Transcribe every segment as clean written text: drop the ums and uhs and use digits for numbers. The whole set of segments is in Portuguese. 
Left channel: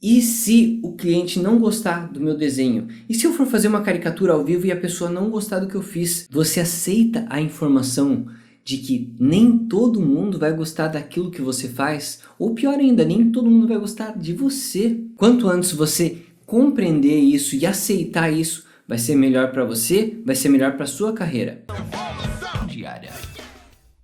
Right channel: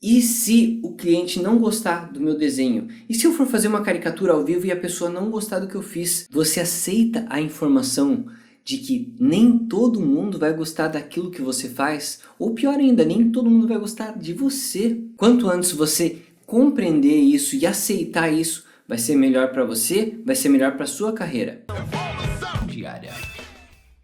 E se o cliente não gostar do meu desenho? E se eu for fazer uma caricatura ao vivo e a pessoa não gostar do que eu fiz? Você aceita a informação de que nem todo mundo vai gostar daquilo que você faz? Ou pior ainda, nem todo mundo vai gostar de você. Quanto antes você compreender isso e aceitar isso, vai ser melhor para você, vai ser melhor para sua carreira diária.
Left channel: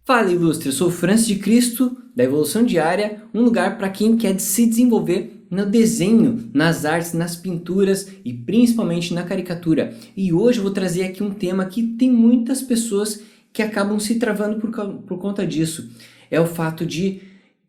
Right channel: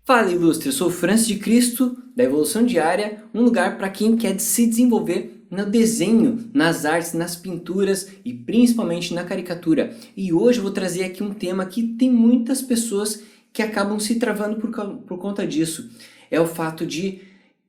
Fala Ilustre, eu sou o Francis de Cristo, da Evolução Diária, um lugar para quem quer se desenvolver no desenho, nas artes, nas pinturas e principalmente na caricatura. E hoje eu vou trazer aqui um tema que tem muitas pessoas que acabam se travando por conta disso. É o fato de,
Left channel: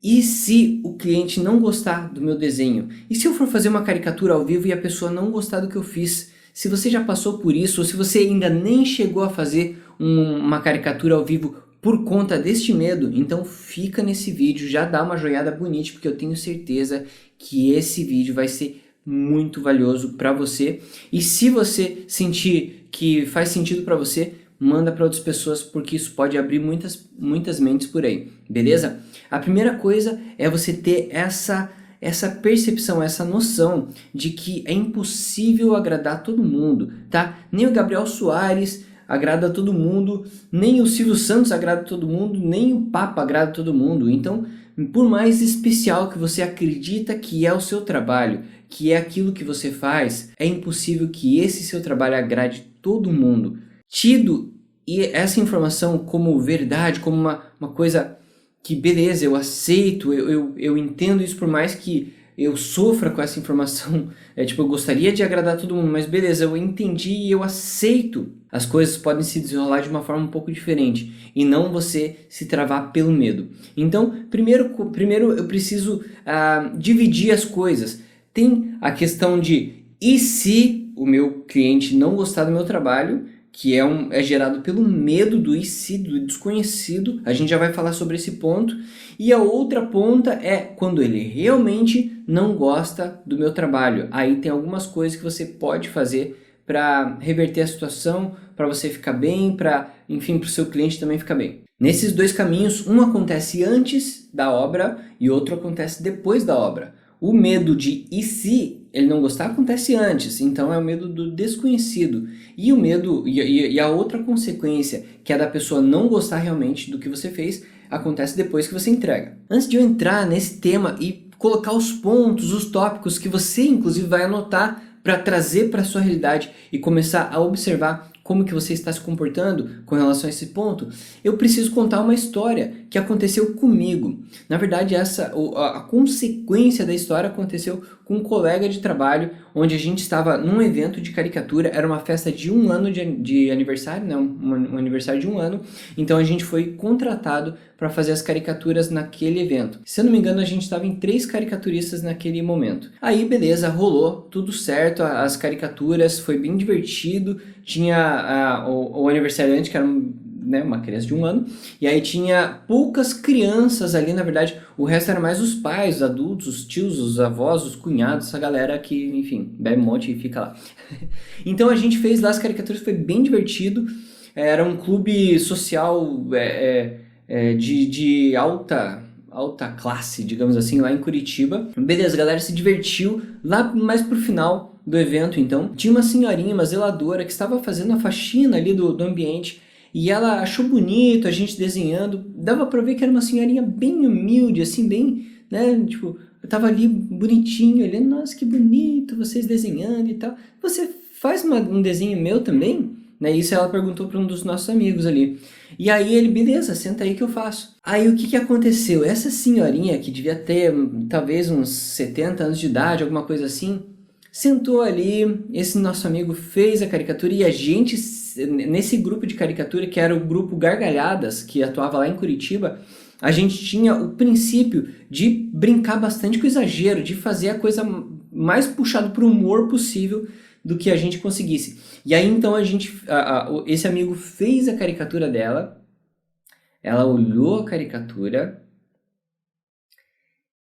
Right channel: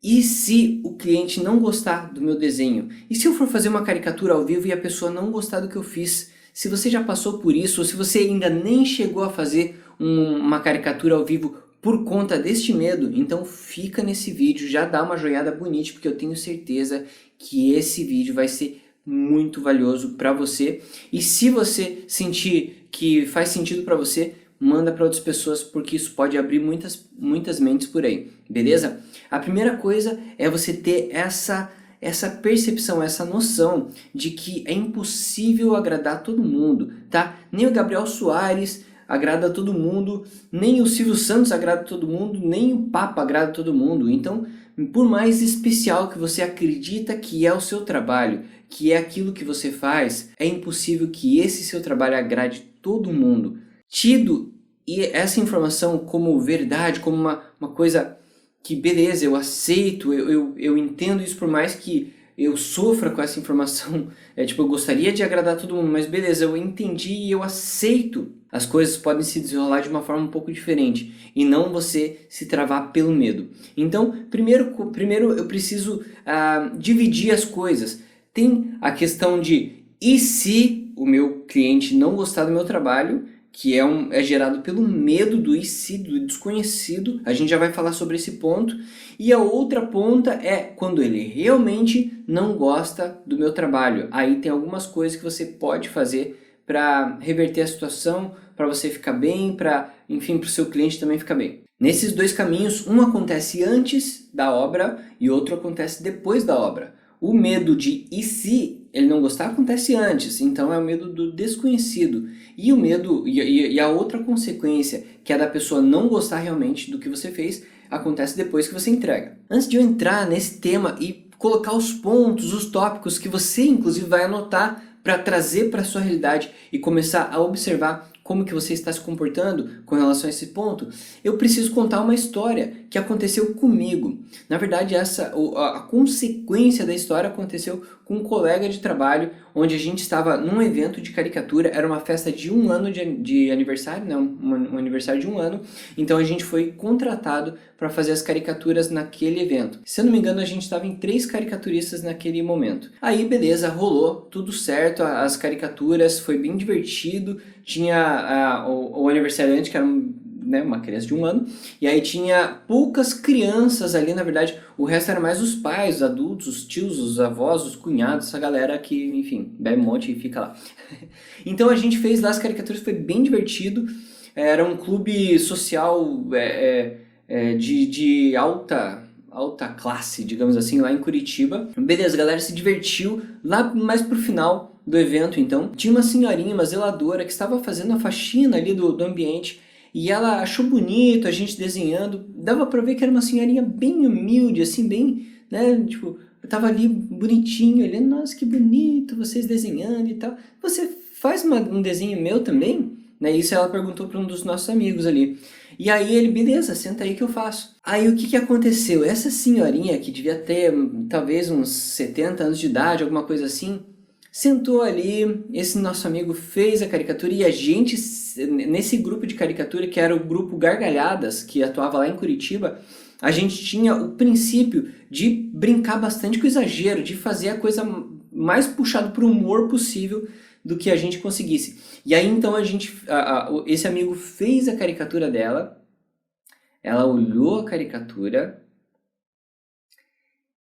e se o cliente não gostar do meu desenho? E se eu for fazer uma caricatura ao vivo e a pessoa não gostar do que eu fiz? Se você já passou por isso, ou se você ainda nem chegou a fazer uma caricatura ao vivo por conta deste medo, então fica nesse vídeo, já dá uma joinhada bonita, porque eu tenho certeza que esse vídeo vai ser muito valioso para você. E se você sentir que faz sentido para você, manda para outras pessoas, porque isso pode abrir muitas mentes por aí, beleza? A primeira coisa é você ter essa percepção, essa noção de que é impossível agradar todo mundo, tá? Nem o Gabriel Soares agrada a todo mundo, nem o Silvio Santos agrada a todo mundo, nem o Papa agrada a todo mundo. Então, por mais especial que você acredita que é o seu trabalho, que é aquilo que você faz, é impossível que esse seu trabalho agrade todo mundo. Tido essa informação como verdade, como uma coisa que beleza, eu aceito, eu entendo isso, por mais que eu sofra com essa informação, tipo, eu gostaria de agradar todo mundo, mas beleza, eu entendi e eu aceito. As coisas podem se desenrolar de uma forma um pouco diferente e não você se travar pelo medo. Então, primeiro eu preciso dividir as coisas. Tem a questão de, e se o meu cliente não gostar do meu trabalho, que é gerado pelo medo do e se, do desconhecido. A gente já vai falar sobre esse ponto. E a outra ponta é quando ele realmente não gosta do meu trabalho. Aí tem algumas coisas que você pode fazer para reverter a situação, para você ficar bem, enfim, para o seu cliente também ficar bem. Nesses dois caminhos, um acontece antes da obra e outro acontece depois da obra. O medo de e se ele não gostar acontece antes, então é o medo do desconhecido. E o medo, e a outra consequência, que é da pessoa não gostar realmente do que você fez, acontece depois que você entrega. Antes de eu entrar nesse tema e colocar os pontos, os tópicos que você inclusive vai anotar para trazer para a sua realidade e começar a observar como que você está se comportando com relação a esse ponto, eu preciso contar uma história que aconteceu comigo. Na verdade, a consequência da história aconteceu com um colega de trabalho, onde a gente estava num evento de caricatura, era uma festa de 1 ano de aniversário, né? Um aniversário de 1 ano, então a gente foi contratado para fazer as caricaturas naquele evento. Se eu não me engano, a gente estava em 3 caricaturistas naquele momento. Aí, beleza, rolou, tudo certo, as caricaturas, foi bem divertido, tinha o aniversariante, que era uma criança de 1 ano, e aí tinha poucas crianças ali, na verdade, o resto era mais os pais, os adultos, os tios, os avós, os cunhados, essa galera que, enfim, bebe um monte e fica lá. Então a gente fez lá as caricaturas, foi bem divertido, era um clube social de alta classe, digamos assim, lá em Curitiba. Beleza, a galera se divertiu, lá mais pro final do evento, então, tinha uma senhorinha, uma zeladora, que estava fazendo a faxina ali do ambiente, e ela achou bonito a gente desenhando, dava pra ver que era uma senhorinha bem humilde, assim, bem, né, tipo, eu tava ali bonitinho, olhando, nossa, que bonito, vocês desenhando e tal. Você faz um desenho meu também? Né, isso ela perguntou para um dos nossos amigos ali. E aí ele, beleza, senta aí que eu faço. Aí o que aconteceu? Essa senhorinha, que devia ter talvez uns 70 anos de idade, alguma coisa assim, sentou ali, esse nosso amigo fez a caricatura e a gente, nesse grupo de caricatura, que era o grupo Gargalhadas, que atuava lá em Curitiba, a gente tinha o princípio de brincar bastante com o exagero, de fazer a coisa mais puxada para o humor possível do que a gente conseguisse. E aí então esse amigo fez a caricatura dela, ela olhou a caricatura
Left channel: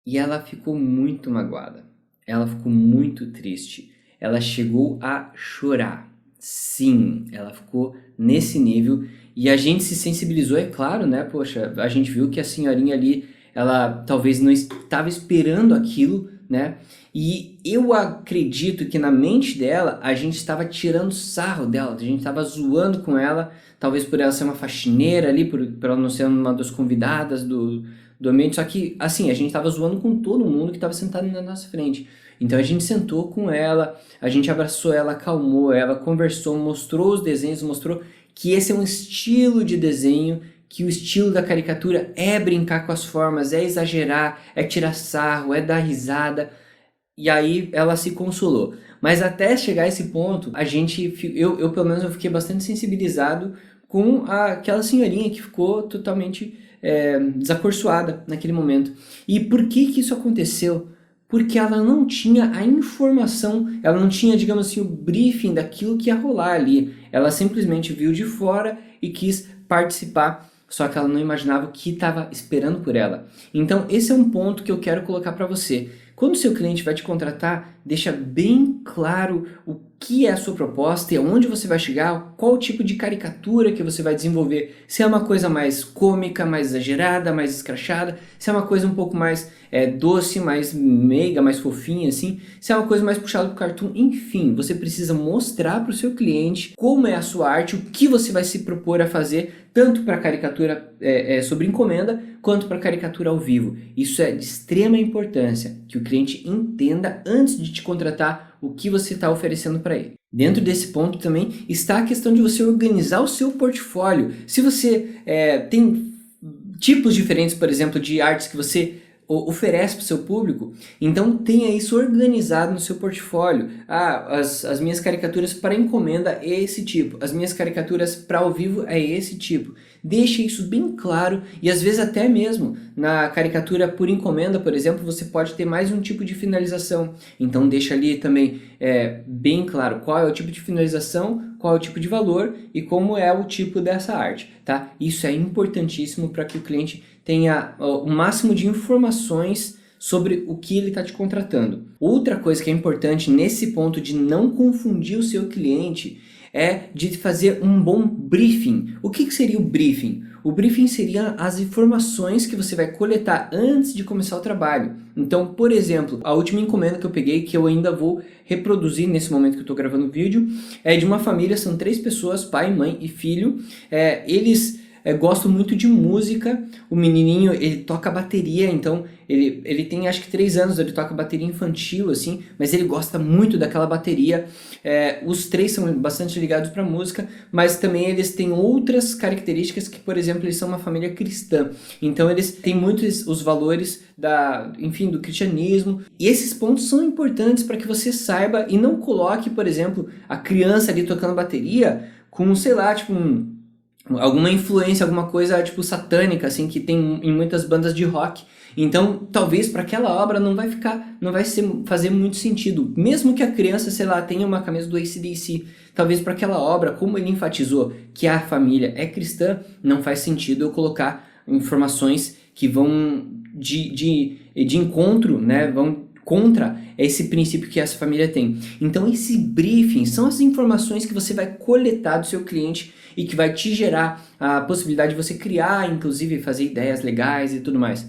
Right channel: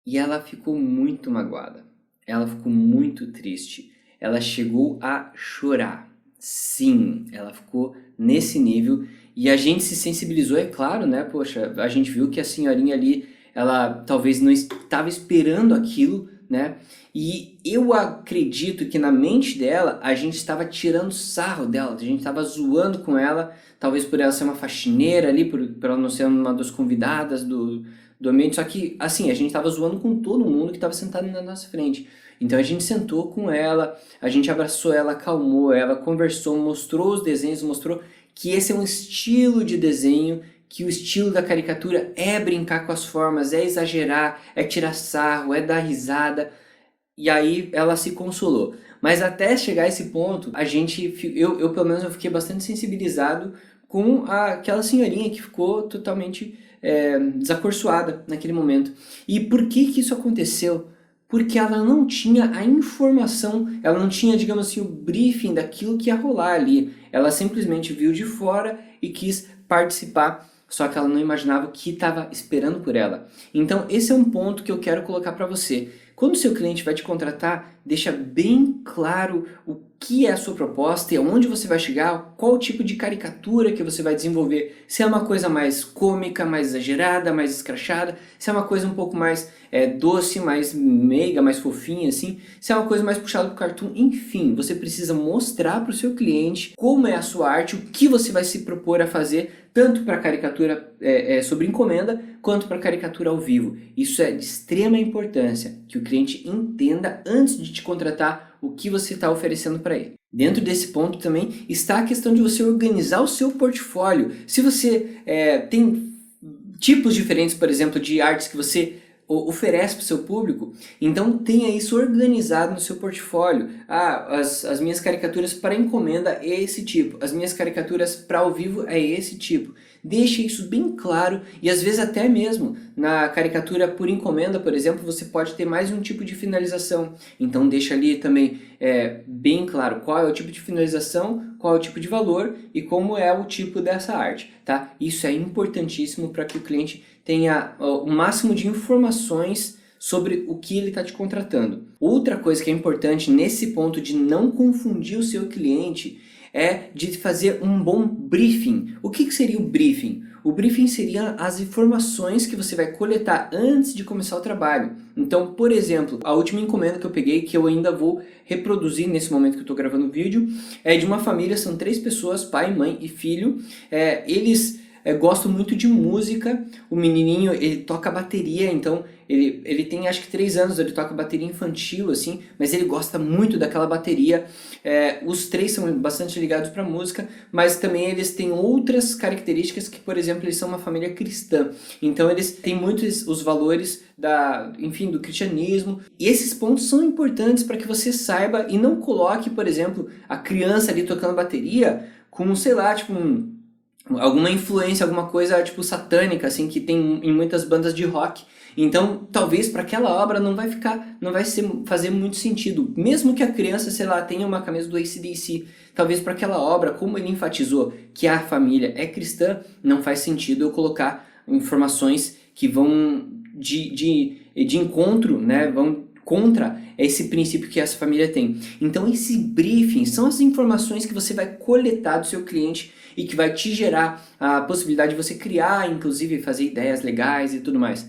e ela ficou muito magoada. Ela ficou muito triste. Ela chegou a chorar. Sim, ela ficou nesse nível e a gente se sensibilizou, é claro, né? Poxa, a gente viu que a senhorinha ali, ela talvez não estava esperando aquilo né? E eu acredito que na mente dela, a gente estava tirando sarro dela, a gente estava zoando com ela, talvez por ela ser uma faxineira ali, por ela não ser uma das convidadas do ambiente, só que, assim, a gente estava zoando com todo mundo que estava sentado na nossa frente. Então a gente sentou com ela, a gente abraçou ela, acalmou ela, conversou, mostrou os desenhos, mostrou que esse é um estilo de desenho, que o estilo da caricatura é brincar com as formas, é exagerar, é tirar sarro, é dar risada. E aí ela se consolou. Mas até chegar a esse ponto, eu pelo menos eu fiquei bastante sensibilizado com aquela senhorinha que ficou totalmente desacorçoada naquele momento. E por que isso aconteceu? Porque ela não tinha a informação, ela não tinha, digamos assim, o briefing daquilo que ia rolar ali. Ela simplesmente viu de fora e quis participar, só que ela não imaginava o que estava esperando por ela. Então esse é um ponto que eu quero colocar para você. Quando o seu cliente vai te contratar, deixa bem claro o que é a sua proposta e aonde você vai chegar, qual tipo de caricatura que você vai desenvolver. Se é uma coisa mais cômica, mais exagerada, mais escrachada, se é uma coisa um pouco mais doce, mais meiga, mais fofinha assim, se é uma coisa mais puxada para o cartoon, enfim, você precisa mostrar para o seu cliente como é a sua arte, o que você vai se propor a fazer, tanto para caricatura sobre encomenda, quanto para caricatura ao vivo. Isso é de extrema importância, que o cliente entenda antes de te contratar o que você está oferecendo para ele. Dentro desse ponto também está a questão de você organizar o seu portfólio. Se você tem tipos diferentes, por exemplo, de artes que você oferece para o seu público, então tenha isso organizado no seu portfólio. As minhas caricaturas para encomenda é esse tipo, as minhas caricaturas para ao vivo é esse tipo. Deixe isso bem claro e às vezes até mesmo na caricatura por encomenda, por exemplo, você pode ter mais um tipo de finalização. Então deixa ali também bem claro qual é o tipo de finalização, qual é o tipo de valor e como é o tipo dessa arte, tá? Isso é importantíssimo para que o cliente tenha o máximo de informações sobre o que ele está te contratando. Outra coisa que é importante nesse ponto de não confundir o seu cliente é de fazer um bom briefing. O que seria o briefing? O briefing seria as informações que você vai coletar antes de começar o trabalho. Então, por exemplo, a última encomenda que eu peguei, que eu ainda vou reproduzir nesse momento que eu estou gravando o vídeo, é de uma família, são 3 pessoas, pai, mãe e filho. Eles gostam muito de música. O menininho, ele toca bateria, então ele tem acho que 3 anos, ele toca bateria infantil assim, mas ele gosta muito daquela bateria. Os 3 são bastante ligados para música, mas também eles têm outras características que, por exemplo, eles são uma família cristã, então eles têm muitos os valores do cristianismo, e esses pontos são importantes para que você saiba e não coloque, por exemplo, a criança ali tocando bateria com, sei lá, tipo alguma influência, alguma coisa tipo satânica assim que tem em muitas bandas de rock. Então talvez para aquela obra não vai fazer muito sentido, mesmo que a criança, sei lá, tenha uma camisa do AC/DC. Talvez para aquela obra, como ele enfatizou que a família é cristã, não faz sentido eu colocar informações que vão de encontro, né, vão contra esse princípio que essa família tem. Então esse briefing são as informações que você vai coletar do seu cliente e que vai te gerar a possibilidade de você criar, inclusive fazer ideias legais e tudo mais.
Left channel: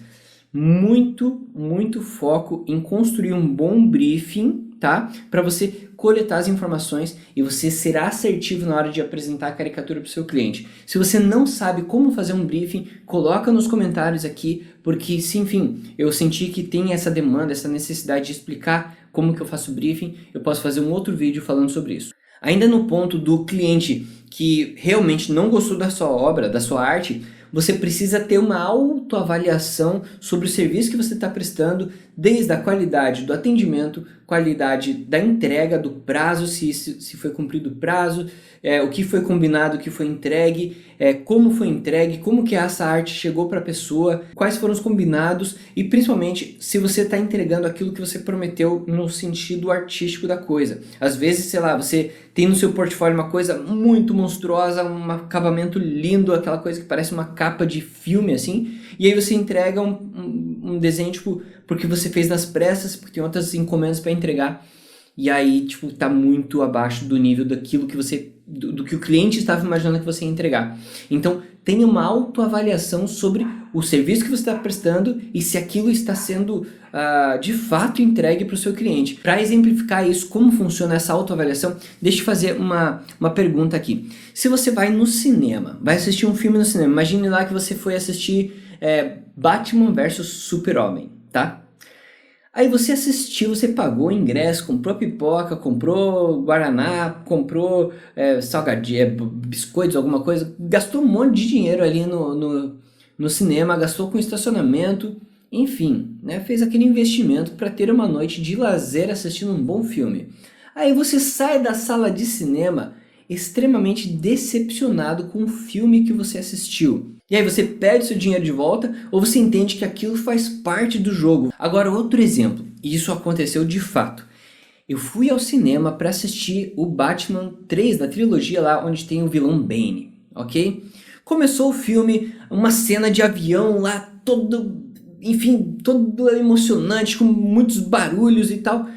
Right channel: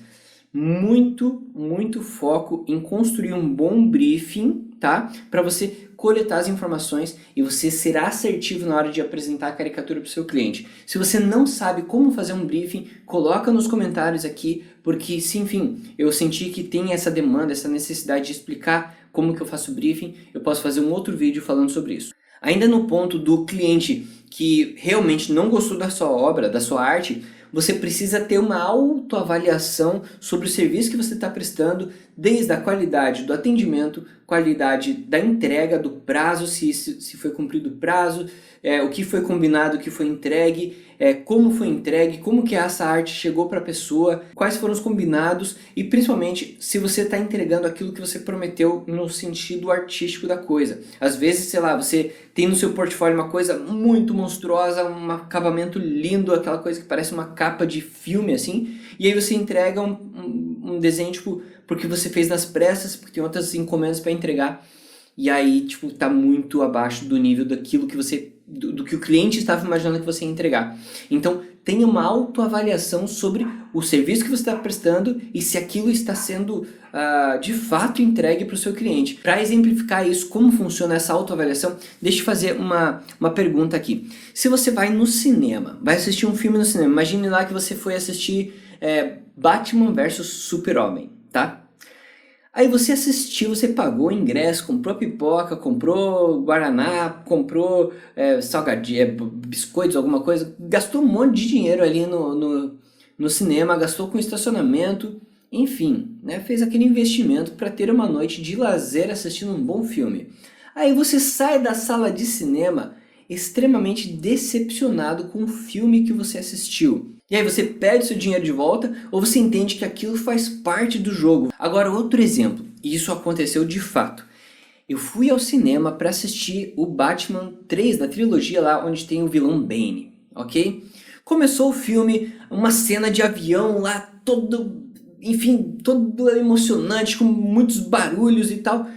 Muito foco em construir um bom briefing, tá? Para você coletar as informações e você ser assertivo na hora de apresentar a caricatura para o seu cliente. Se você não sabe como fazer um briefing, coloca nos comentários aqui, porque se enfim, eu senti que tem essa demanda, essa necessidade de explicar como que eu faço o briefing, eu posso fazer um outro vídeo falando sobre isso. Ainda no ponto do cliente que realmente não gostou da sua obra, da sua arte, você precisa ter uma autoavaliação sobre o serviço que você está prestando, desde a qualidade do atendimento, qualidade da entrega, do prazo, se foi cumprido o prazo, o que foi combinado, o que foi entregue, como foi entregue, como que essa arte chegou para a pessoa, quais foram os combinados e principalmente se você está entregando aquilo que você prometeu no sentido artístico da coisa. Às vezes, sei lá, você tem no seu portfólio uma coisa muito monstruosa, um acabamento lindo, aquela coisa que parece uma capa de filme assim, e aí você entrega um desenho tipo porque você fez nas pressas, porque tem outras encomendas para entregar. e aí, tipo, tá muito abaixo do nível daquilo que você, do que o cliente estava imaginando que você ia entregar. Então, tenha uma autoavaliação sobre o serviço que você está prestando e se aquilo está sendo de fato entregue para o seu cliente. Para exemplificar isso, como funciona essa autoavaliação, deixa eu fazer uma pergunta aqui. Se você vai no cinema, vai assistir um filme no cinema, imagine lá que você foi assistir Batman versus Super-Homem, tá? Aí você assistiu, você pagou o ingresso, comprou pipoca, comprou guaraná, comprou biscoitos, alguma coisa, gastou um monte de dinheiro ali no cinema, gastou com estacionamento, enfim, né, fez aquele investimento para ter uma noite de lazer assistindo um bom filme. Aí você sai da sala de cinema extremamente decepcionado com o filme que você assistiu. E aí você pede seu dinheiro de volta ou você entende que aquilo faz parte do jogo. Agora outro exemplo, e isso aconteceu de fato. Eu fui ao cinema para assistir o Batman 3 da trilogia lá onde tem o vilão Bane, ok? Começou o filme, uma cena de avião lá todo emocionante, com muitos barulhos e tal.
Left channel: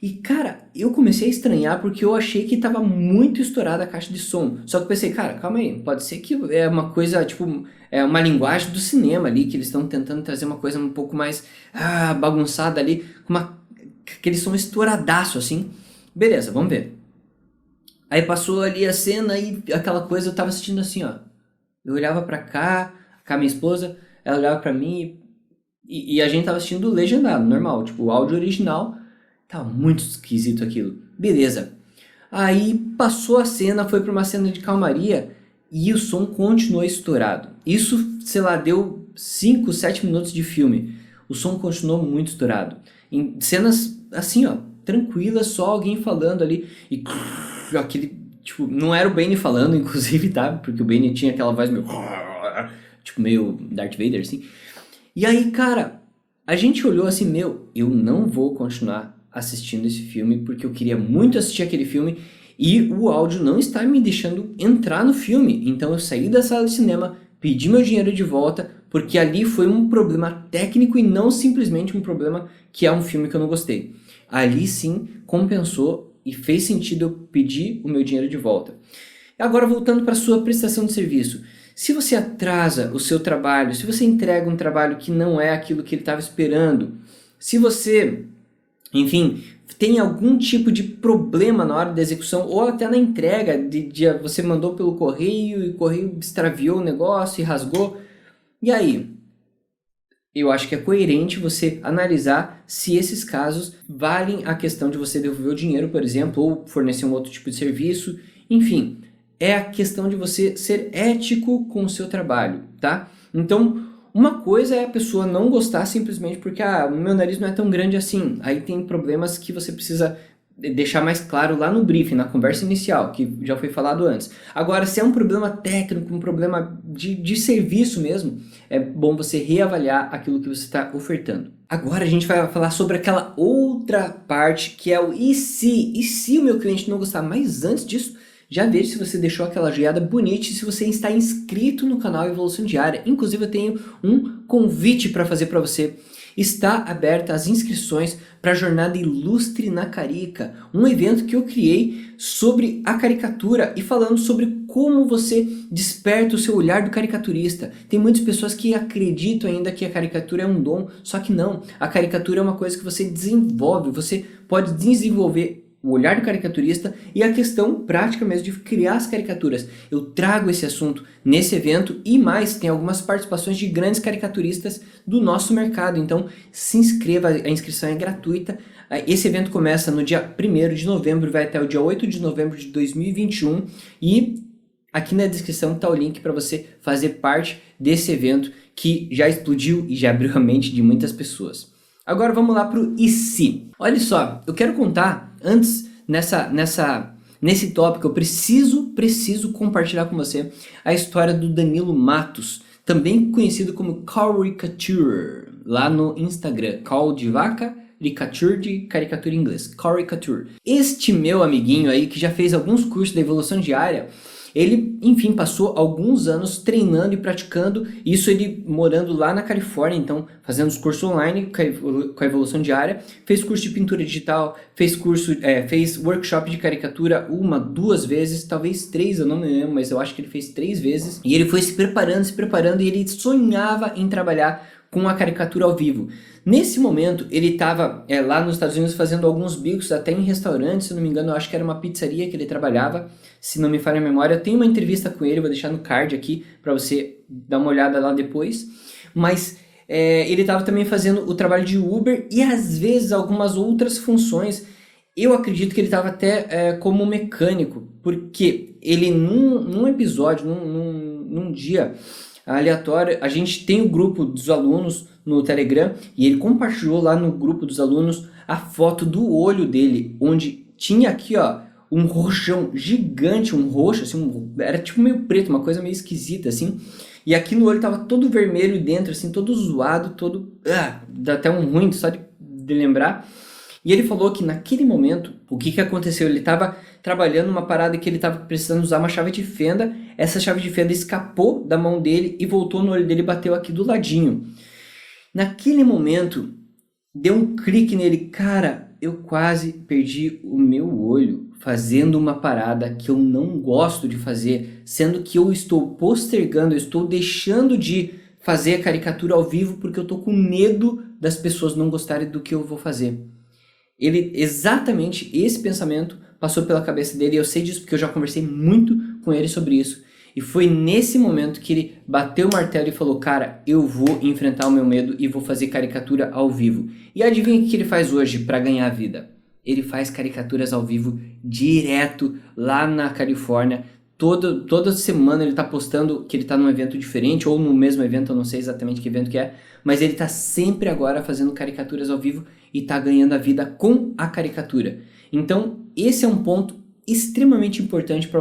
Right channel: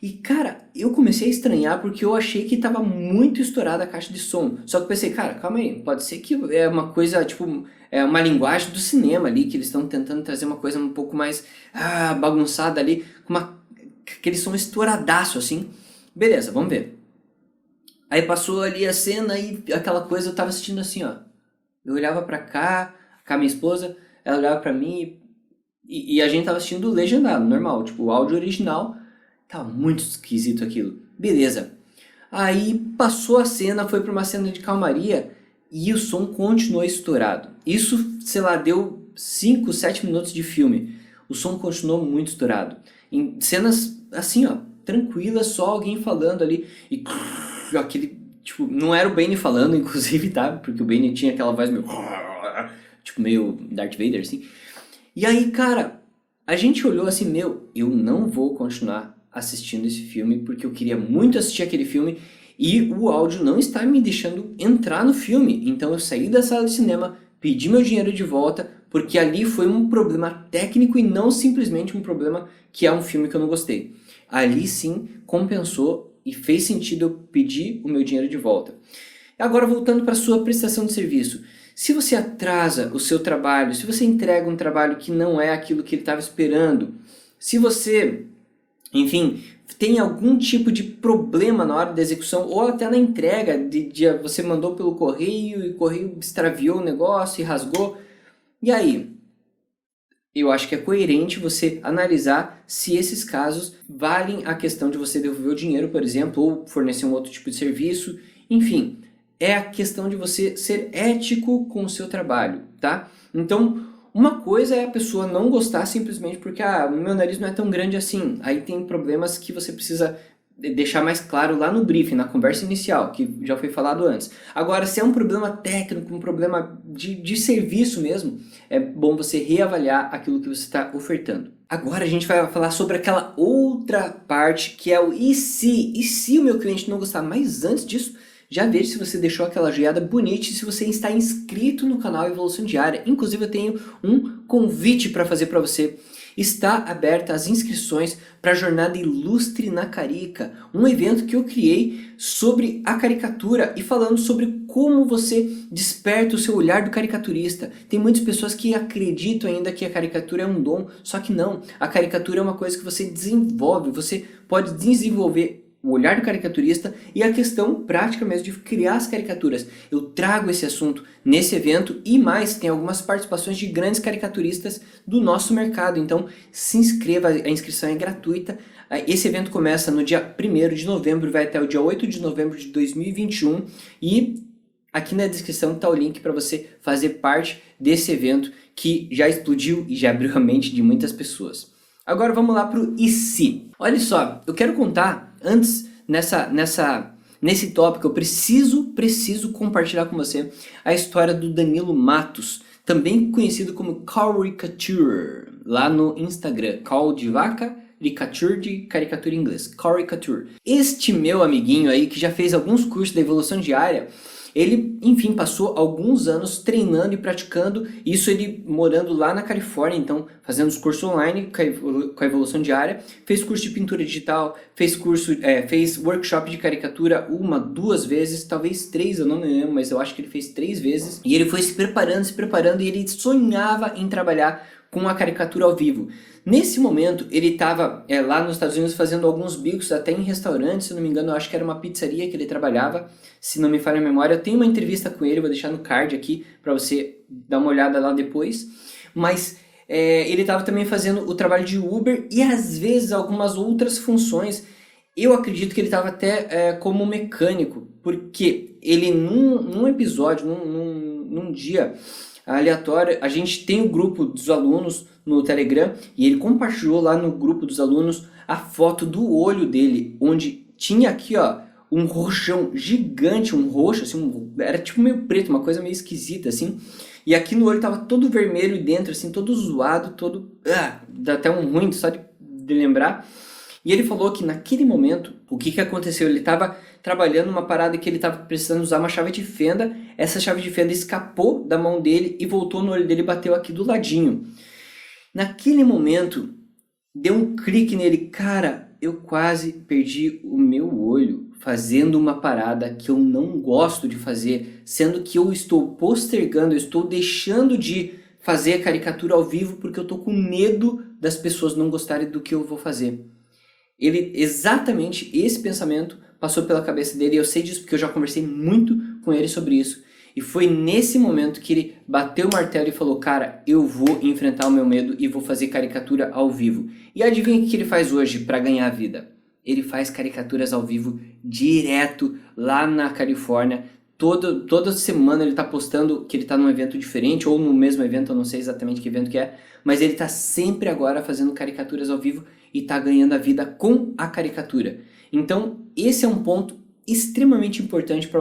E cara, eu comecei a estranhar porque eu achei que estava muito estourada a caixa de som. Só que eu pensei, cara, calma aí, pode ser que é uma coisa, tipo, é uma linguagem do cinema ali, que eles estão tentando trazer uma coisa um pouco mais bagunçada ali, com aquele som estouradaço assim. Beleza, vamos ver. Aí passou ali a cena e aquela coisa, eu tava assistindo assim, ó. Eu olhava pra cá, com a minha esposa, ela olhava pra mim e a gente tava assistindo legendado, normal, tipo, o áudio original. Tá muito esquisito aquilo. Beleza. Aí passou a cena, foi para uma cena de calmaria e o som continuou estourado. Isso, sei lá, deu 5, 7 minutos de filme. O som continuou muito estourado. Em cenas assim, ó, tranquilas, só alguém falando ali e aquele, tipo, não era o Bane falando, inclusive, tá? Porque o Bane tinha aquela voz meio tipo meio Darth Vader assim. E aí, cara, a gente olhou assim, eu não vou continuar assistindo esse filme porque eu queria muito assistir aquele filme e o áudio não está me deixando entrar no filme. Então eu saí da sala de cinema, pedi meu dinheiro de volta porque ali foi um problema técnico e não simplesmente um problema que é um filme que eu não gostei. Ali sim compensou e fez sentido eu pedir o meu dinheiro de volta. Agora voltando para a sua prestação de serviço. Se você atrasa o seu trabalho, se você entrega um trabalho que não é aquilo que ele estava esperando, se você, enfim, tem algum tipo de problema na hora da execução ou até na entrega, você mandou pelo correio e o correio extraviou o negócio e rasgou, e aí? Eu acho que é coerente você analisar se esses casos valem a questão de você devolver o dinheiro, por exemplo, ou fornecer um outro tipo de serviço, enfim, é a questão de você ser ético com o seu trabalho, tá? Então, uma coisa é a pessoa não gostar simplesmente porque o meu nariz não é tão grande assim. Aí tem problemas que você precisa deixar mais claro lá no briefing, na conversa inicial, que já foi falado antes. Agora, se é um problema técnico, um problema de serviço mesmo, é bom você reavaliar aquilo que você está ofertando. Agora a gente vai falar sobre aquela outra parte que é o e se? E se o meu cliente não gostar? Mas antes disso, já veja se você deixou aquela joinha bonita e se você está inscrito no canal Evolução Diária. Inclusive eu tenho um convite para fazer para você. Está aberta as inscrições para a Jornada Ilustre na Carica, um evento que eu criei sobre a caricatura e falando sobre como você desperta o seu olhar do caricaturista. Tem muitas pessoas que acreditam ainda que a caricatura é um dom, só que não. A caricatura é uma coisa que você desenvolve, você pode desenvolver o olhar do caricaturista e a questão prática mesmo de criar as caricaturas. Eu trago esse assunto nesse evento e mais, tem algumas participações de grandes caricaturistas do nosso mercado. Então se inscreva, a inscrição é gratuita. Esse evento começa no dia 1º de novembro, vai até o dia 8 de novembro de 2021 e aqui na descrição está o link para você fazer parte desse evento que já explodiu e já abriu a mente de muitas pessoas. Agora vamos lá para o e se. Olha só, eu quero contar, antes nesse tópico, eu preciso compartilhar com você a história do Danilo Matos, também conhecido como Caricature, lá no Instagram, Call de vaca, caricature de caricatura em inglês, caricature. Este meu amiguinho aí, que já fez alguns cursos da evolução diária, ele, enfim, passou alguns anos treinando e praticando, isso ele morando lá na Califórnia, então fazendo os cursos online com a evolução diária, fez curso de pintura digital, fez workshop de caricatura 1, 2 vezes, talvez 3, eu não me lembro, mas eu acho que ele fez 3 vezes, e ele foi se preparando, e ele sonhava em trabalhar com a caricatura ao vivo. Nesse momento, ele estava lá nos Estados Unidos fazendo alguns bicos, até em restaurantes, se não me engano, eu acho que era uma pizzaria que ele trabalhava, se não me falha a memória. Eu tenho uma entrevista com ele, vou deixar no card aqui, para você dar uma olhada lá depois. Mas ele estava também fazendo o trabalho de Uber e às vezes algumas outras funções. Eu acredito que ele estava até como mecânico, porque ele num episódio, num dia aleatório, a gente tem o grupo dos alunos no Telegram e ele compartilhou lá no grupo dos alunos a foto do olho dele, onde tinha aqui, ó, um roxão gigante, um roxo, assim, era tipo meio preto, uma coisa meio esquisita, assim, e aqui no olho tava todo vermelho dentro, assim, todo zoado, todo... dá até um ruim só de lembrar. E ele falou que naquele momento, o que aconteceu? Ele estava trabalhando uma parada que ele estava precisando usar uma chave de fenda, essa chave de fenda escapou da mão dele e voltou no olho dele e bateu aqui do ladinho. Naquele momento, deu um clique nele, cara, eu quase perdi o meu olho fazendo uma parada que eu não gosto de fazer, sendo que eu estou postergando, eu estou deixando de fazer a caricatura ao vivo porque eu estou com medo das pessoas não gostarem do que eu vou fazer. Exatamente esse pensamento passou pela cabeça dele, e eu sei disso porque eu já conversei muito com ele sobre isso. E foi nesse momento que ele bateu o martelo e falou, cara, eu vou enfrentar o meu medo e vou fazer caricatura ao vivo. E adivinha o que ele faz hoje para ganhar a vida? Ele faz caricaturas ao vivo direto lá na Califórnia. Toda semana ele está postando que ele está num evento diferente, ou no mesmo evento, eu não sei exatamente que evento que é, mas ele está sempre agora fazendo caricaturas ao vivo e está ganhando a vida com a caricatura. Então, esse é um ponto extremamente importante para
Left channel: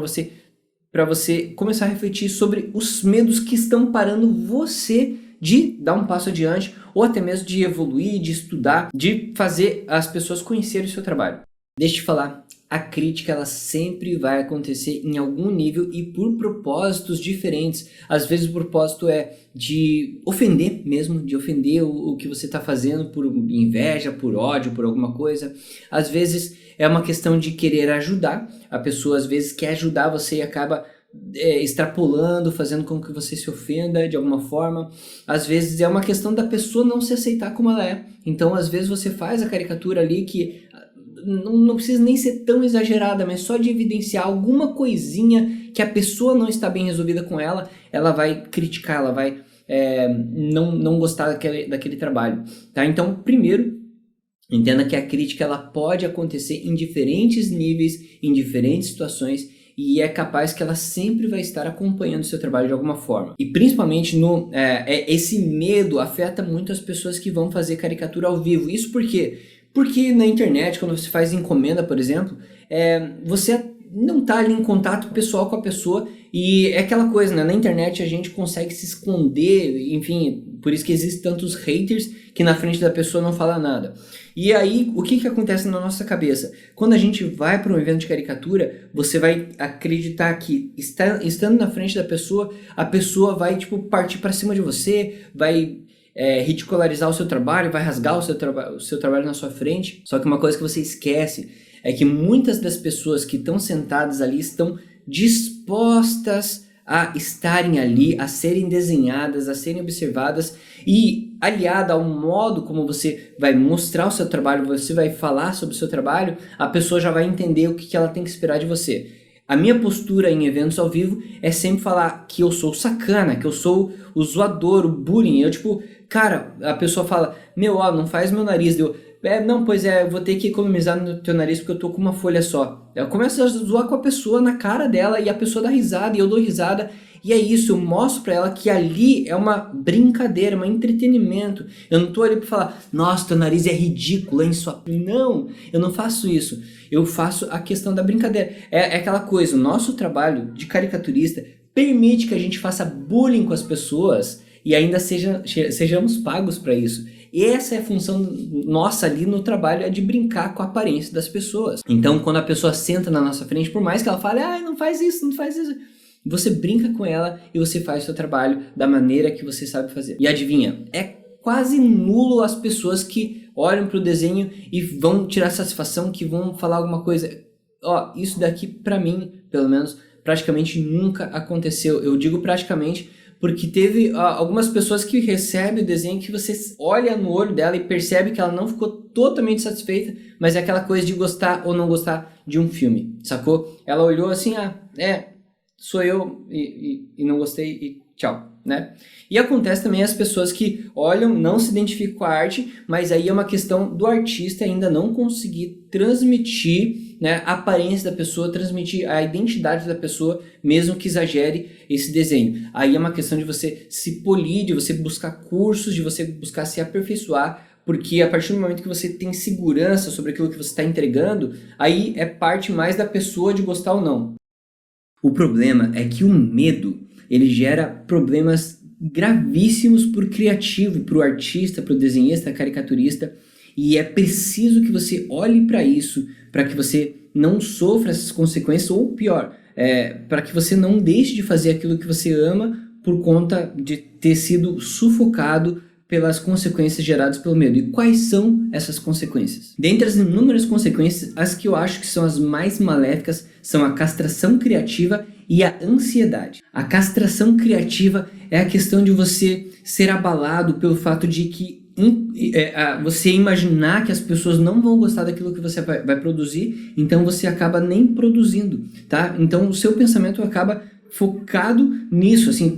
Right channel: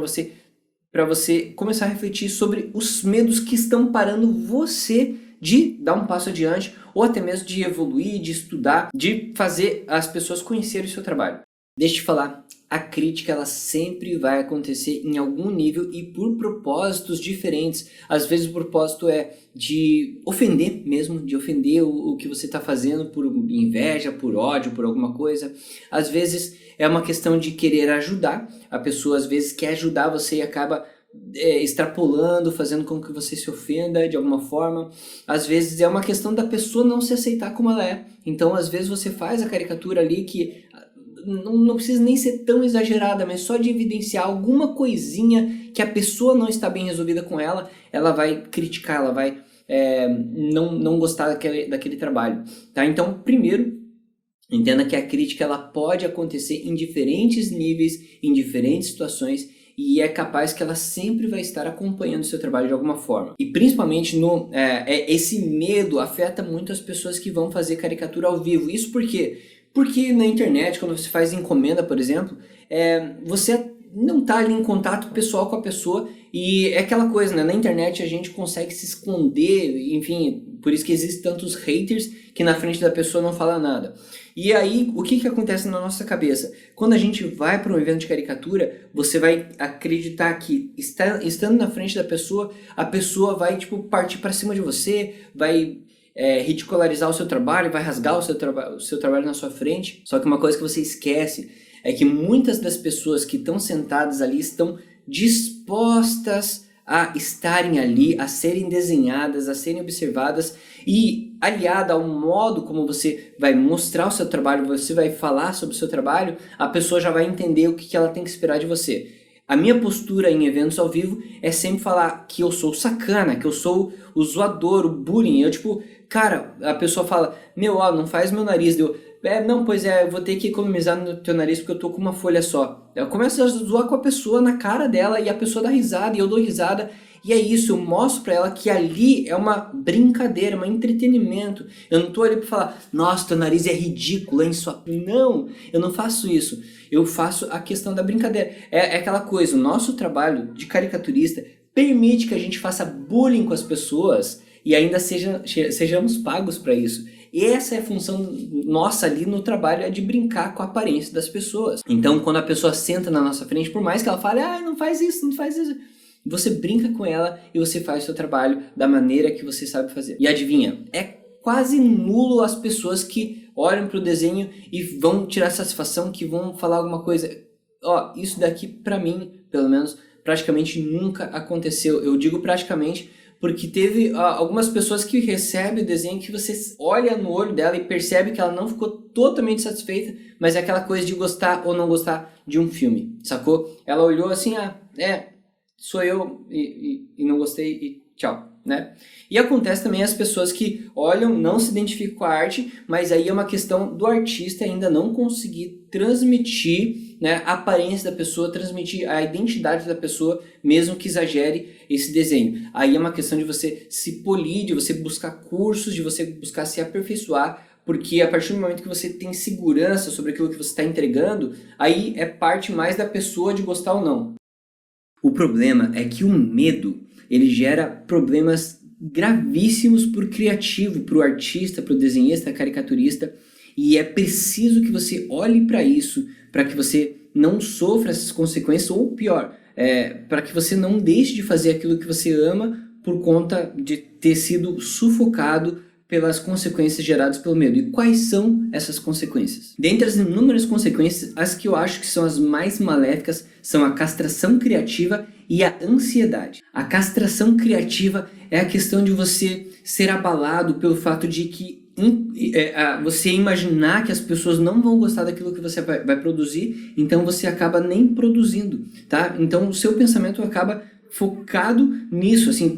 você começar a refletir sobre os medos que estão parando você de dar um passo adiante, ou até mesmo de evoluir, de estudar, de fazer as pessoas conhecerem o seu trabalho. Deixa eu te falar, a crítica ela sempre vai acontecer em algum nível e por propósitos diferentes. Às vezes o propósito é de ofender mesmo, de ofender o que você está fazendo por inveja, por ódio, por alguma coisa. Às vezes é uma questão de querer ajudar. A pessoa às vezes quer ajudar você e acaba extrapolando, fazendo com que você se ofenda de alguma forma. Às vezes é uma questão da pessoa não se aceitar como ela é. Então às vezes você faz a caricatura ali que não precisa nem ser tão exagerada, mas só de evidenciar alguma coisinha que a pessoa não está bem resolvida com ela, ela vai criticar, ela vai não gostar daquele trabalho, tá? Então, primeiro, entenda que a crítica ela pode acontecer em diferentes níveis, em diferentes situações, e é capaz que ela sempre vai estar acompanhando o seu trabalho de alguma forma. E principalmente esse medo afeta muito as pessoas que vão fazer caricatura ao vivo. Isso por quê? Porque na internet, quando você faz encomenda, por exemplo, você não está ali em contato pessoal com a pessoa, e é aquela coisa, né? Na internet a gente consegue se esconder, enfim, por isso que existem tantos haters que na frente da pessoa não fala nada. E aí, o que acontece na nossa cabeça? Quando a gente vai para um evento de caricatura, você vai acreditar que estando na frente da pessoa, a pessoa vai partir para cima de você, vai ridicularizar o seu trabalho, vai rasgar o seu trabalho na sua frente. Só que uma coisa que você esquece é que muitas das pessoas que estão sentadas ali estão dispostas a estarem ali, a serem desenhadas, a serem observadas, e aliada ao modo como você vai mostrar o seu trabalho, você vai falar sobre o seu trabalho, a pessoa já vai entender o que ela tem que esperar de você. A minha postura em eventos ao vivo é sempre falar que eu sou sacana, que eu sou o zoador, o bullying. Eu cara, a pessoa fala, não faz meu nariz. Eu vou ter que economizar no teu nariz porque eu tô com uma folha só. Eu começo a zoar com a pessoa na cara dela e a pessoa dá risada e eu dou risada. E é isso, eu mostro pra ela que ali é uma brincadeira, um entretenimento. Eu não tô ali pra falar, nossa, teu nariz é ridículo, hein? Não, eu não faço isso. Eu faço a questão da brincadeira. É aquela coisa, o nosso trabalho de caricaturista permite que a gente faça bullying com as pessoas e ainda sejamos pagos para isso. E essa é a função nossa ali no trabalho, é de brincar com a aparência das pessoas. Então, quando a pessoa senta na nossa frente, por mais que ela fale, não faz isso, não faz isso, você brinca com ela e você faz o seu trabalho da maneira que você sabe fazer. E adivinha, é quase nulo as pessoas que olham para o desenho e vão tirar satisfação, que vão falar alguma coisa. Isso daqui pra mim, pelo menos, praticamente nunca aconteceu. Eu digo praticamente porque teve algumas pessoas que recebem o desenho que você olha no olho dela e percebe que ela não ficou totalmente satisfeita, mas é aquela coisa de gostar ou não gostar de um filme, sacou? Ela olhou assim, sou eu e não gostei e tchau, né? E acontece também as pessoas que olham, não se identificam com a arte, mas aí é uma questão do artista ainda não conseguir transmitir, né, a aparência da pessoa, transmitir a identidade da pessoa, mesmo que exagere esse desenho. Aí é uma questão de você se polir, de você buscar cursos, de você buscar se aperfeiçoar, porque a partir do momento que você tem segurança sobre aquilo que você está entregando, aí é parte mais da pessoa de gostar ou não. O problema é que o medo, ele gera problemas gravíssimos para o criativo, para o artista, para o desenhista, caricaturista, e é preciso que você olhe para isso, para que você não sofra essas consequências, ou pior, para que você não deixe de fazer aquilo que você ama por conta de ter sido sufocado pelas consequências geradas pelo medo. E quais são essas consequências? Dentre as inúmeras consequências, as que eu acho que são as mais maléficas são a castração criativa e a ansiedade. A castração criativa é a questão de você ser abalado pelo fato de que você imaginar que as pessoas não vão gostar daquilo que você vai produzir, então você acaba nem produzindo, tá? Então o seu pensamento acaba focado nisso, assim,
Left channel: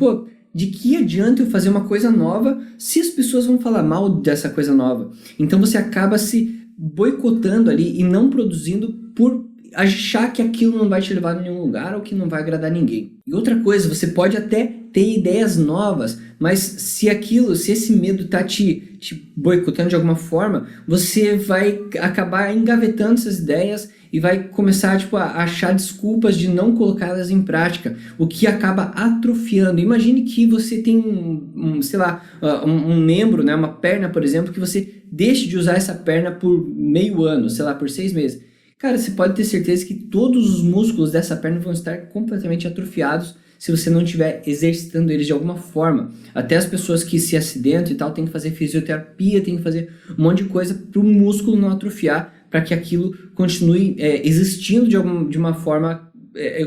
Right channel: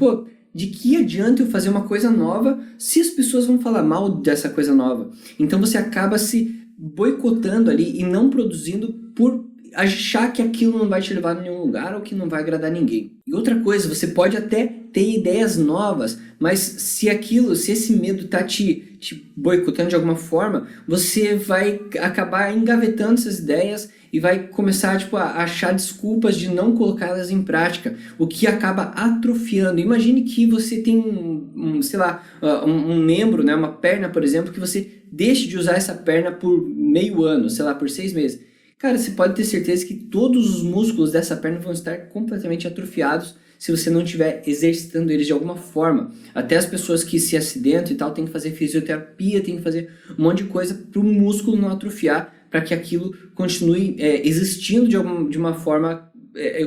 de que adianta eu fazer uma coisa nova se as pessoas vão falar mal dessa coisa nova? Então você acaba se boicotando ali e não produzindo por achar que aquilo não vai te levar a nenhum lugar ou que não vai agradar ninguém. E outra coisa, você pode até ter ideias novas, mas se esse medo tá te boicotando de alguma forma, você vai acabar engavetando essas ideias e vai começar a achar desculpas de não colocá-las em prática, o que acaba atrofiando. Imagine que você tem um membro, né, uma perna, por exemplo, que você deixe de usar essa perna por meio ano, por 6 meses. Cara, você pode ter certeza que todos os músculos dessa perna vão estar completamente atrofiados se você não estiver exercitando eles de alguma forma. Até as pessoas que se acidentam e tal, tem que fazer fisioterapia, tem que fazer um monte de coisa para o músculo não atrofiar, para que aquilo continue existindo de uma forma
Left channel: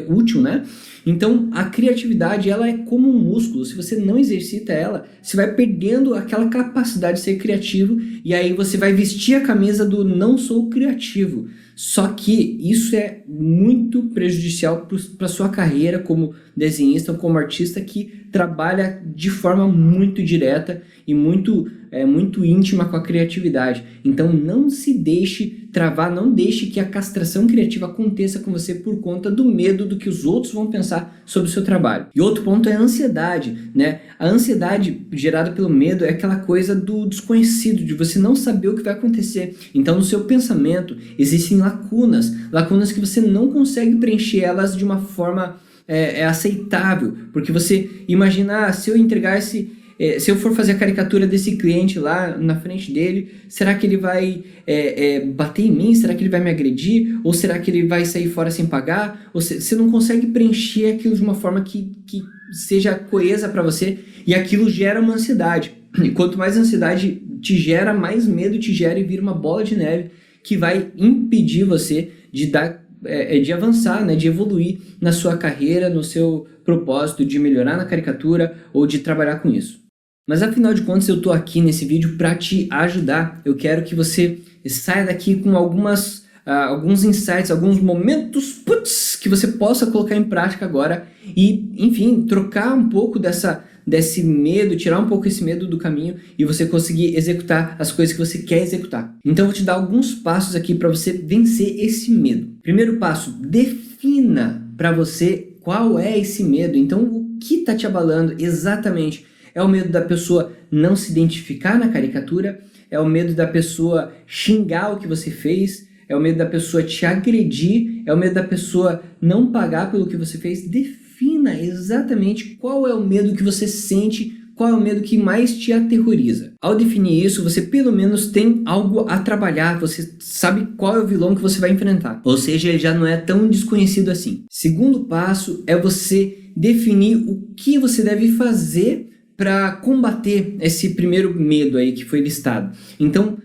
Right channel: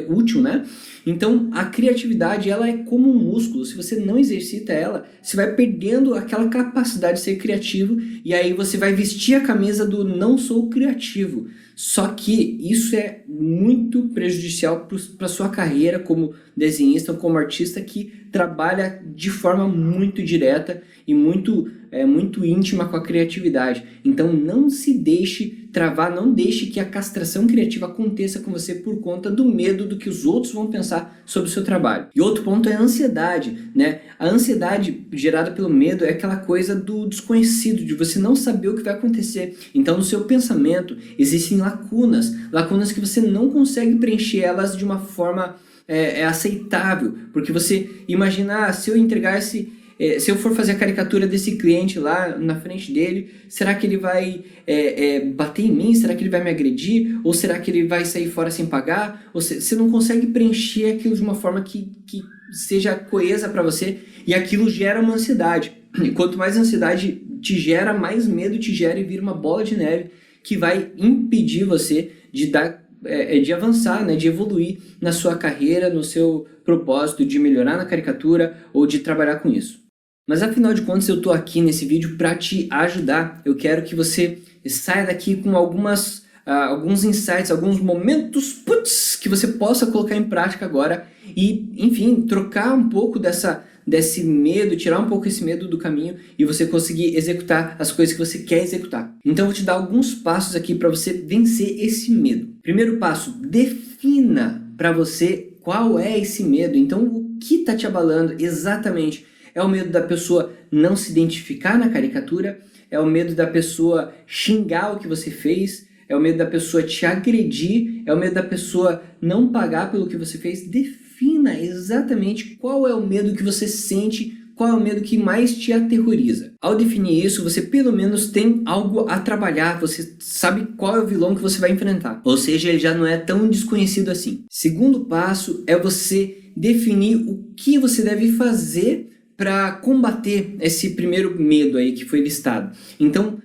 útil, né? Então, a criatividade, ela é como um músculo. Se você não exercita ela, você vai perdendo aquela capacidade de ser criativo e aí você vai vestir a camisa do não sou criativo. Só que isso é muito prejudicial para sua carreira como desenhista ou como artista que trabalha de forma muito direta e muito íntima com a criatividade. Então não se deixe travar, não deixe que a castração criativa aconteça com você por conta do medo do que os outros vão pensar sobre o seu trabalho. E outro ponto é a ansiedade, né? A ansiedade gerada pelo medo é aquela coisa do desconhecido, de você não saber o que vai acontecer. Então no seu pensamento existem lacunas que você não consegue preencher elas de uma forma aceitável, porque você imagina, se eu entregasse se eu for fazer a caricatura desse cliente lá na frente dele, será que ele vai bater em mim? Será que ele vai me agredir? Ou será que ele vai sair fora sem pagar? Ou você não consegue preencher aquilo de uma forma que seja coesa para você, e aquilo gera uma ansiedade. E quanto mais ansiedade te gera, mais medo te gera e vira uma bola de neve que vai impedir você de avançar, né, de evoluir na sua carreira, no seu propósito de melhorar na caricatura ou de trabalhar com isso. Mas afinal de contas eu estou aqui nesse vídeo para te ajudar. Eu quero que você saia daqui com alguns insights, alguns momentos que você possa colocar em prática agora e, enfim, trocar um pouco desse medo, tirar um pouco esse medo do caminho e você conseguir executar as coisas que você quer executar. Então eu vou te dar alguns passos aqui para você vencer esse medo. Primeiro passo, defina para você qual é esse medo. Então o que está te abalando exatamente? É o medo da pessoa não se identificar na caricatura? É o medo da pessoa xingar o que você fez? É o medo da pessoa te agredir? É o medo da pessoa não pagar pelo que você fez? Defina exatamente qual é o medo que você sente qual é o medo que mais te aterroriza. Ao definir isso, você pelo menos tem algo a trabalhar, você sabe qual é o vilão que você vai enfrentar. Ou seja, ele já não é tão desconhecido assim. Segundo passo é você definir o que você deve fazer para combater esse primeiro medo aí que foi listado. Então,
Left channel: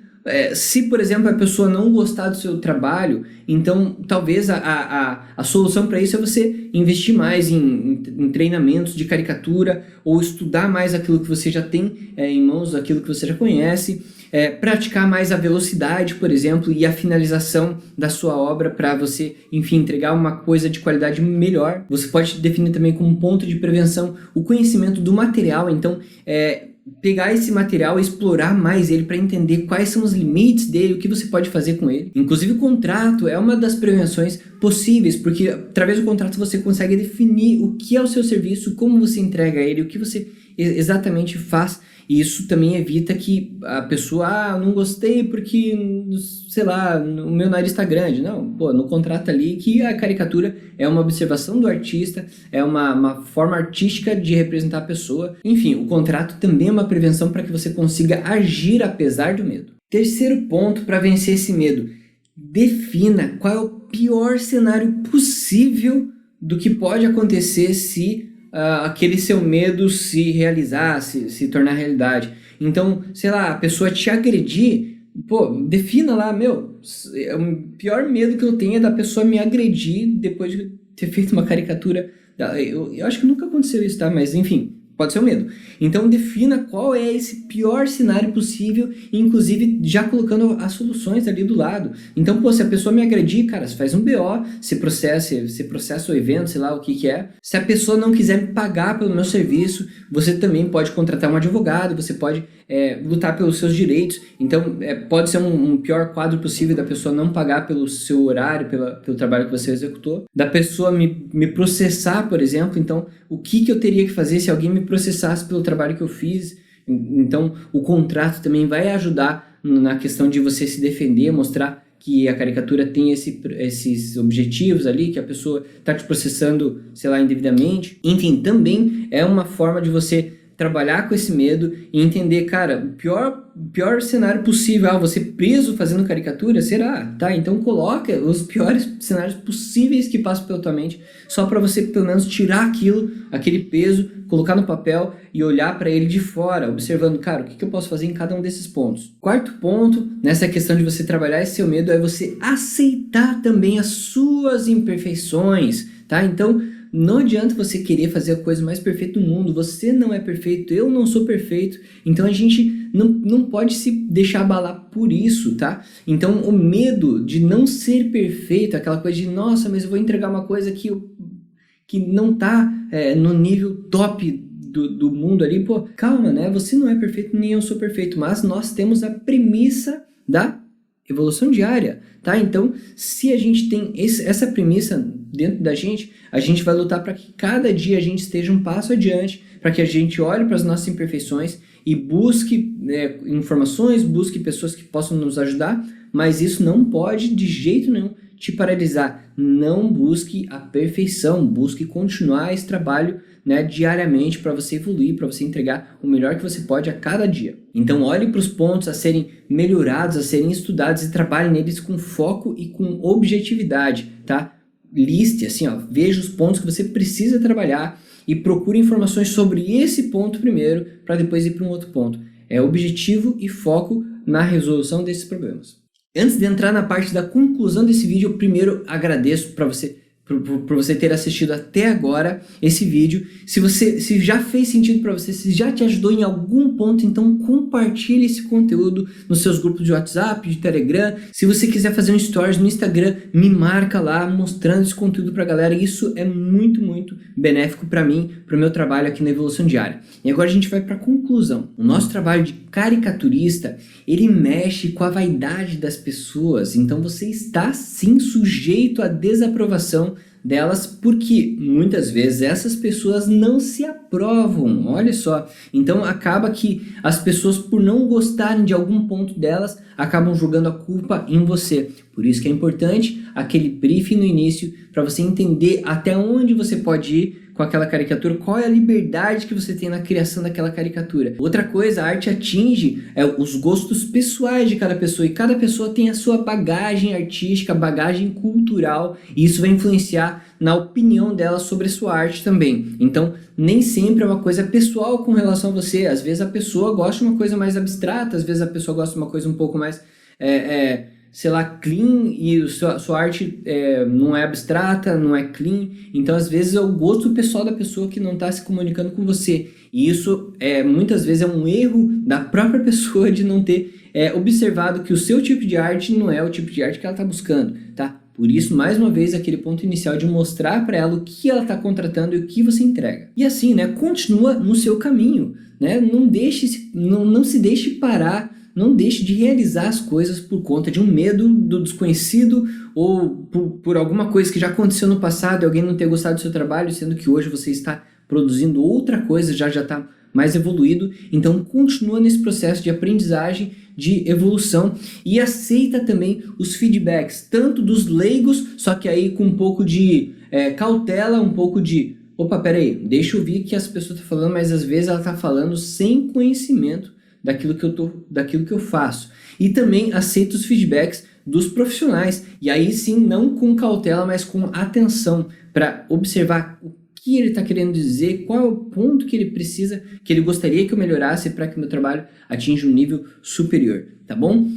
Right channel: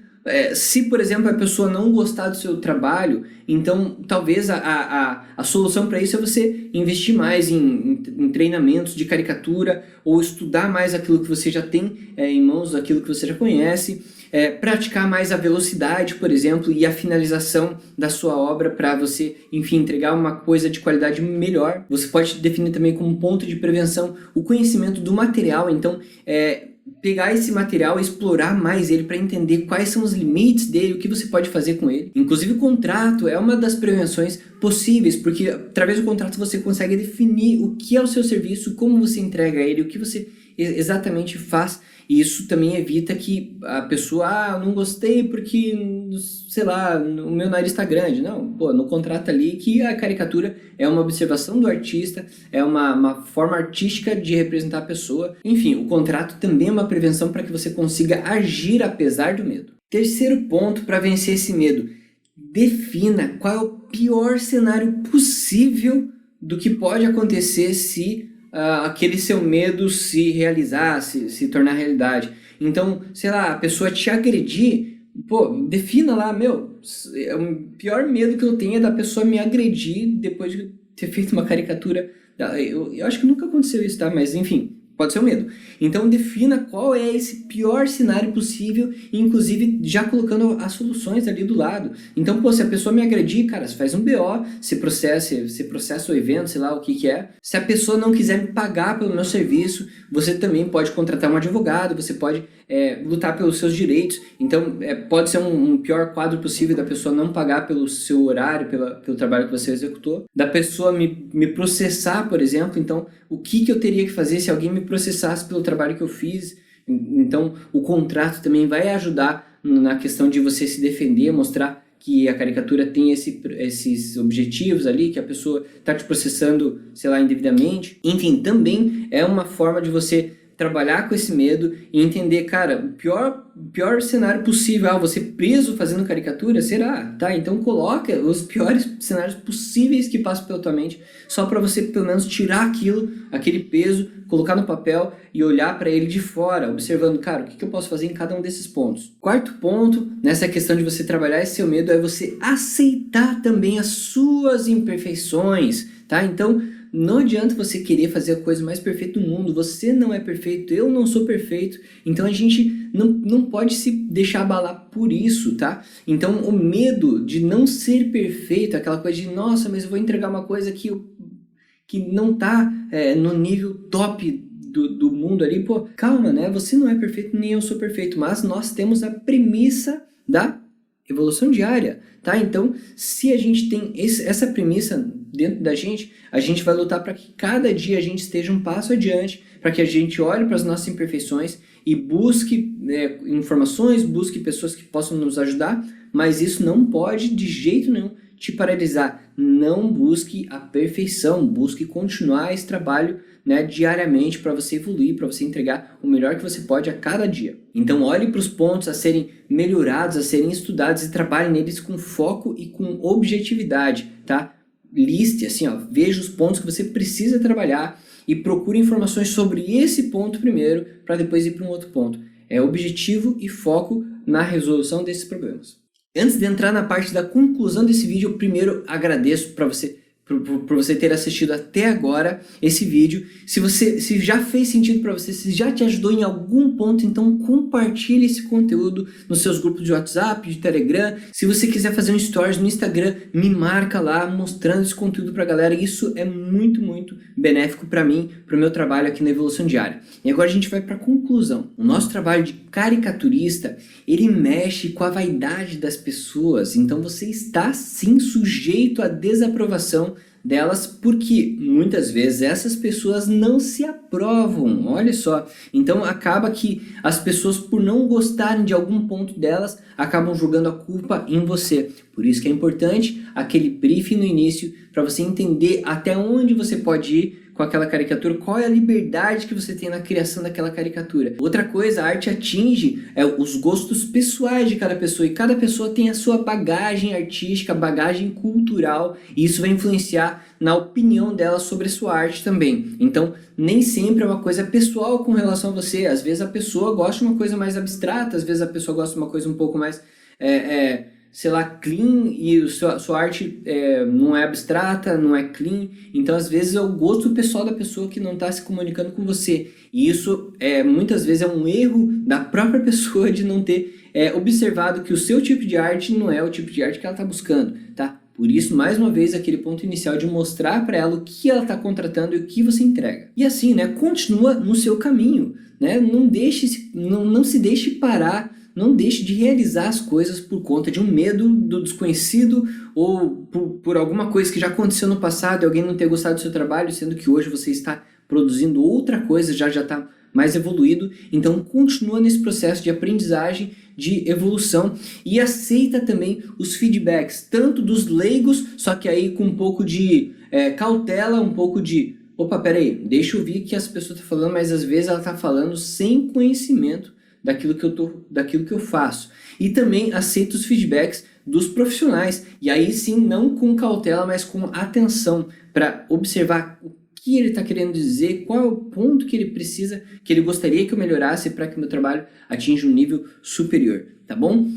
se por exemplo a pessoa não gostar do seu trabalho, então talvez a solução para isso é você investir mais em treinamentos de caricatura ou estudar mais aquilo que você já tem em mãos, aquilo que você já conhece, praticar mais a velocidade, por exemplo, e a finalização da sua obra para você, enfim, entregar uma coisa de qualidade melhor. Você pode definir também como ponto de prevenção o conhecimento do material, então pegar esse material e explorar mais ele para entender quais são os limites dele, o que você pode fazer com ele. Inclusive o contrato é uma das prevenções possíveis, porque através do contrato você consegue definir o que é o seu serviço, como você entrega ele, o que você exatamente faz, e isso também evita que a pessoa, não gostei porque, sei lá, o meu nariz está grande. Não, no contrato ali que a caricatura é uma observação do artista, é uma forma artística de representar a pessoa. Enfim, o contrato também é uma prevenção para que você consiga agir apesar do medo. Terceiro ponto para vencer esse medo: defina qual é o pior cenário possível do que pode acontecer se aquele seu medo se realizar, se tornar realidade. Então, sei lá, a pessoa te agredir, defina lá, o pior medo que eu tenho é da pessoa me agredir depois de ter feito uma caricatura. Eu acho que nunca aconteceu isso, tá? Mas enfim, pode ser um medo. Então defina qual é esse pior cenário possível, inclusive já colocando as soluções ali do lado. Então, se a pessoa me agredir, cara, você faz um BO, você processa o evento, sei lá o que é. Se a pessoa não quiser me pagar pelo meu serviço, você também pode contratar um advogado, você pode lutar pelos seus direitos. Então, pode ser um pior quadro possível da pessoa não pagar pelo seu horário, pelo trabalho que você executou. Da pessoa me processar, por exemplo. Então, o que eu teria que fazer se alguém me processasse pelo trabalho que eu fiz? Então, o contrato também vai ajudar na questão de você se defender, mostrar que a caricatura tem esses objetivos ali, que a pessoa está te processando, sei lá, indevidamente. Enfim, também é uma forma de você trabalhar com esse medo e entender, cara, o pior cenário possível, você preso fazendo caricatura, será? Tá, então coloca os piores cenários possíveis que passam pela tua mente, só para você pelo menos tirar aquele peso, colocar no papel e olhar para ele de fora, observando, cara, o que eu posso fazer em cada um desses pontos. Quarto ponto, nessa questão de você trabalhar esse seu medo, é você aceitar também as suas imperfeições, tá? Então, não adianta você querer fazer a coisa mais perfeita do mundo. Você não é perfeito, eu não sou perfeito. Então a gente não pode se deixar abalar por isso, tá? Então o medo de não ser perfeito, aquela coisa de, nossa, mas eu vou entregar uma coisa que não tá no nível top do mundo ali. Calma, né? Você não é perfeito, nem eu sou perfeito. Mas nós temos a premissa da evolução diária, tá? Então, se a gente tem essa premissa dentro da gente, a gente vai lutar para que cada dia a gente esteja um passo adiante, para que a gente olhe para as nossas imperfeições e busque informações, busque pessoas que possam nos ajudar, mas isso não pode de jeito nenhum te paralisar. Não busque a perfeição, busque continuar esse trabalho, diariamente, para você evoluir, para você entregar o melhor que você pode a cada dia. Então olhe para os pontos a serem melhorados, a serem estudados e trabalhe neles com foco e com objetividade, tá? Liste, assim, veja os pontos que você precisa trabalhar e procure informações sobre esse ponto primeiro, para depois ir para um outro ponto. É objetivo e foco na resolução desses problemas. Antes de entrar na parte da conclusão desse vídeo, eu primeiro agradeço por você ter assistido até agora esse vídeo. Se já fez sentido para você, se já te ajudou em algum ponto, então compartilhe esse conteúdo nos seus grupos de WhatsApp, de Telegram. Se você quiser fazer um stories no Instagram, me marca lá mostrando esse conteúdo para a galera. Isso é muito, muito benéfico para mim, para o meu trabalho aqui na Evolução Diária. E agora a gente vai para a conclusão. O nosso trabalho de caricaturista, ele mexe com a vaidade das pessoas. Então você está sim sujeito à desaprovação delas, porque muitas vezes essas pessoas não se aprovam, olha só. Então acaba que as pessoas, por não gostarem de algum ponto delas, acabam jogando a culpa em você. Por isso que é importante aquele briefing no início para você entender até onde você pode ir com aquela caricatura, qual é a liberdade que você tem na criação daquela caricatura. Outra coisa, a arte atinge os gostos pessoais de cada pessoa, e cada pessoa tem a sua bagagem artística, bagagem cultural, e isso vai influenciar na opinião dela sobre a sua arte também. Então, nem sempre é uma coisa pessoal com relação a você. Às vezes a pessoa gosta de uma coisa mais abstrata, às vezes a pessoa gosta de uma coisa um pouco mais sei lá, clean, e sua arte não é abstrata, não é clean. Então, às vezes, é o gosto pessoal da pessoa que não está se comunicando com você. E isso, muitas vezes, é um erro da própria pessoa de não ter observado que o seu tipo de arte não é o tipo de arte que ela está buscando, tá? Por isso, mais uma vez, aquele ponto inicial de mostrar para ela o que ela está contratando e o que você entrega. E assim, né, continua no seu caminho, né? Não se deixe parar. Não deixe de realizar as coisas por conta de um medo do desconhecido ou por alguma coisa que já aconteceu no passado e alguém não ter gostado do seu trabalho, sendo que hoje você está produzindo outra coisa, já está mais evoluído. Então continua nesse processo de aprendizagem, de evolução, e aceita também os feedbacks, tanto dos leigos, só que aí com um pouco de cautela, um pouco de opa, peraí, deixa eu ouvir o que as pessoas estão falando, mas às vezes ela está falando sem conhecimento daquilo que eu faço. E também aceito os feedbacks dos profissionais, e aí sim, não com cautela, mas com atenção, para observar o que ele está querendo dizer, qual é o ponto que ele precisa, que ele gostaria que eu melhorasse para que o meu trabalho atinja um nível superior, tá bom?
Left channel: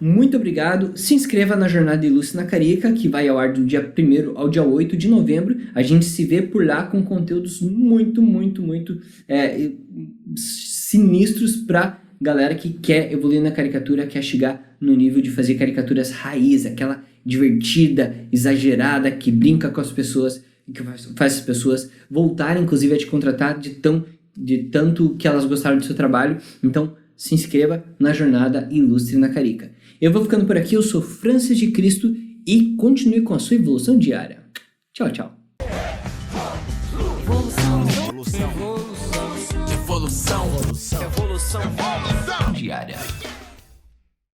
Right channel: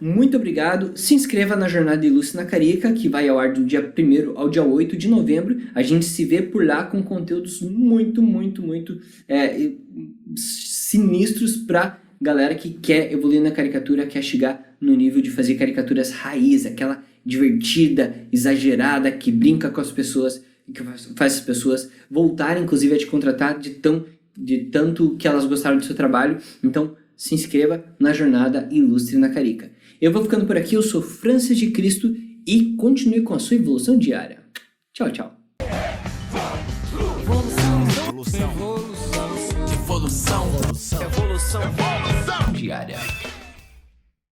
Muito obrigado, se inscreva na Jornada Ilustre na Carica, que vai ao ar do dia 1º ao dia 8 de novembro. A gente se vê por lá com conteúdos muito sinistros para galera que quer evoluir na caricatura, quer chegar no nível de fazer caricaturas raiz, aquela divertida, exagerada, que brinca com as pessoas, que faz as pessoas voltarem, inclusive, a te contratar de tanto que elas gostaram do seu trabalho. Então, se inscreva na Jornada Ilustre na Carica. Eu vou ficando por aqui, eu sou Francis de Cristo e continue com a sua evolução diária. Tchau, tchau. Evolução diária.